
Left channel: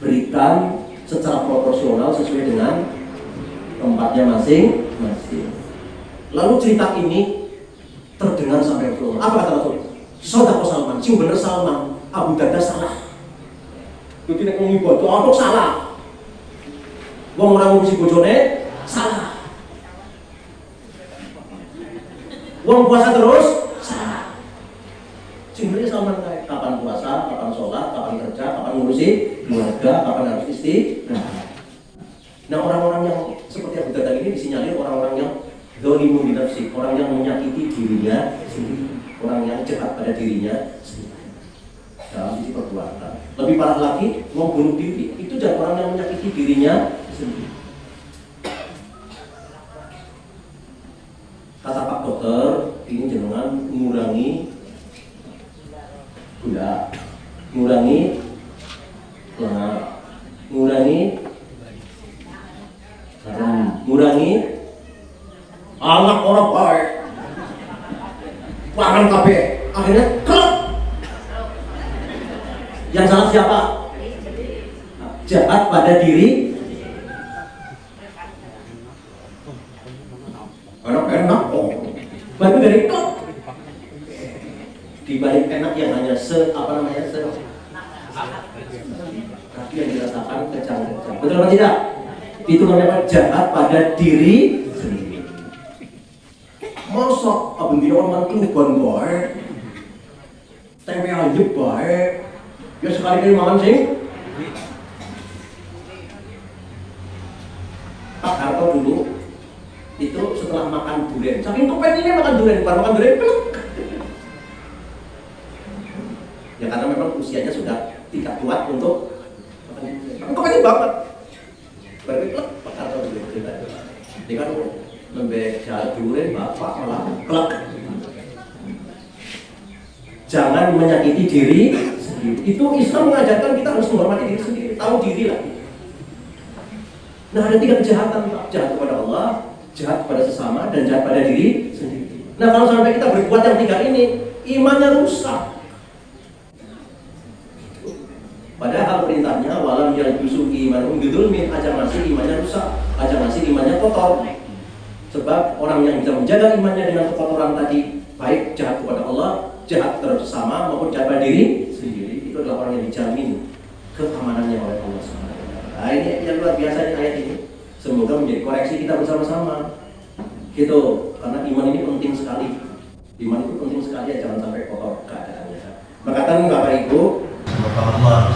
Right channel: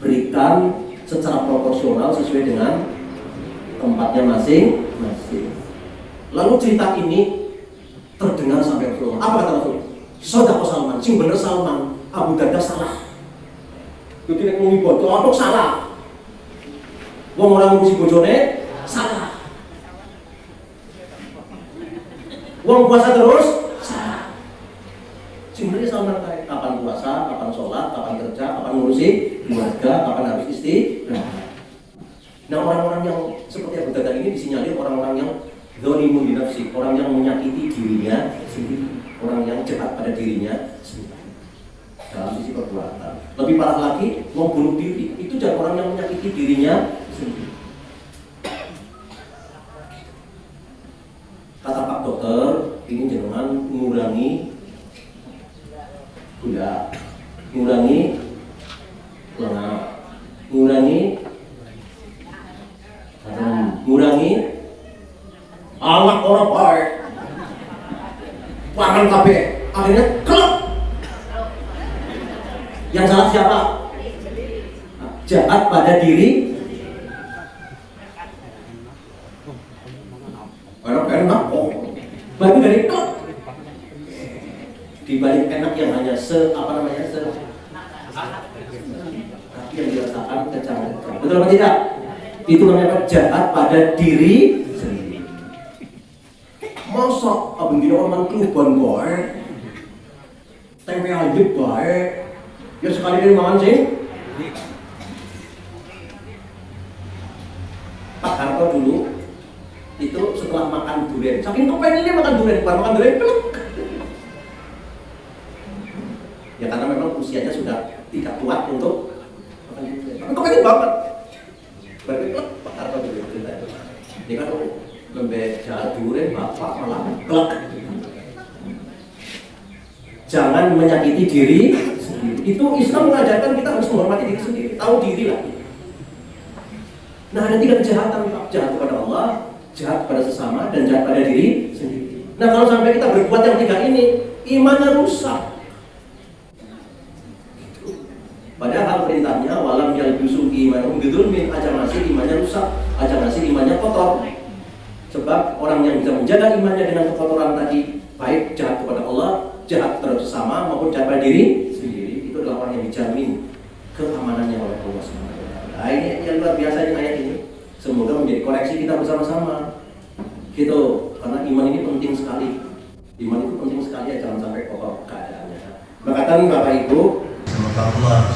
berikan secara proporsional sesuai dengan tempatnya masing-masing. Lalu cerita ini terdengar sampai ke apa kata Rasul? Sadaqah Salman, sing bener Salman, Abu Darda salah. Itu tidak mengibadah, untuk salah. Wong orang ngurusi bojone salah. Wong puasa terus salah. Sebenarnya Salman kapan puasa, kapan sholat, kapan kerja, kapan ngurusi keluarga, kapan habis istirahat. Nah orang-orang yang seperti Abu Darda ini disinyalir orang-orang yang dzalimun bi nafsi, orang yang menyakiti dirinya sendiri, orang yang jahat pada dirinya sendiri. Dalam sisi perbuatan. Lebih parah lagi, wong bunuh diri. Itu jadi orang yang menyakiti dirinya sendiri. Kata Pak Dokter, ini jenengan mengurangi Allah orang baik. Pangan kabeh. Akhirnya klop. Yang salah siapa? Jahat pada diri. Kalau enak, berarti dari klop. Di balik enak yang hanya tapi yang dirasakan kejam-kejam. Betul apa tidak? Itu namanya jahat pada diri sendiri. Masa apabila orang keluban baik, tempe aja baik, ya sekali-kali makan sih. Pak Harto dulu itu setelah makan durian, saking kepengennya makan durian, bukan makan durian peluk. Ya karena memang usianya sudah tidak tua untuk kepengen banget. Berarti Pak Harto dulu dia kan lembek jalan durian bapak malah kelak. Jangan menyakiti diri sendiri. Itu Islam mengajarkan kita harus menghormati diri sendiri, tahu diri lah. Nah ada 3 kejahatan, jahat kepada Allah, jahat pada sesama, dan jahat pada diri sendiri. Nah kalau sampai kita berbuat yang 3 ini, imannya rusak. Padahal perintahnya walam yang dusu iman ungdulmin aja masih imannya rusak, aja masih imannya kotor. Sebab orang yang bisa menjaga imannya dengan kekotoran tadi, baik jahat kepada Allah, jahat terhadap sesama maupun jahat pada diri sendiri, itu adalah orang yang dijamin keamanannya oleh Allah SWT. Nah, ini yang luar biasa ayat ini. Semoga menjadi koreksi kita bersama-sama. Gitu, karena iman ini penting sekali. Iman itu penting sekali, jangan sampai kotor keadaannya. Maka Bapak Ibu, semoga Allah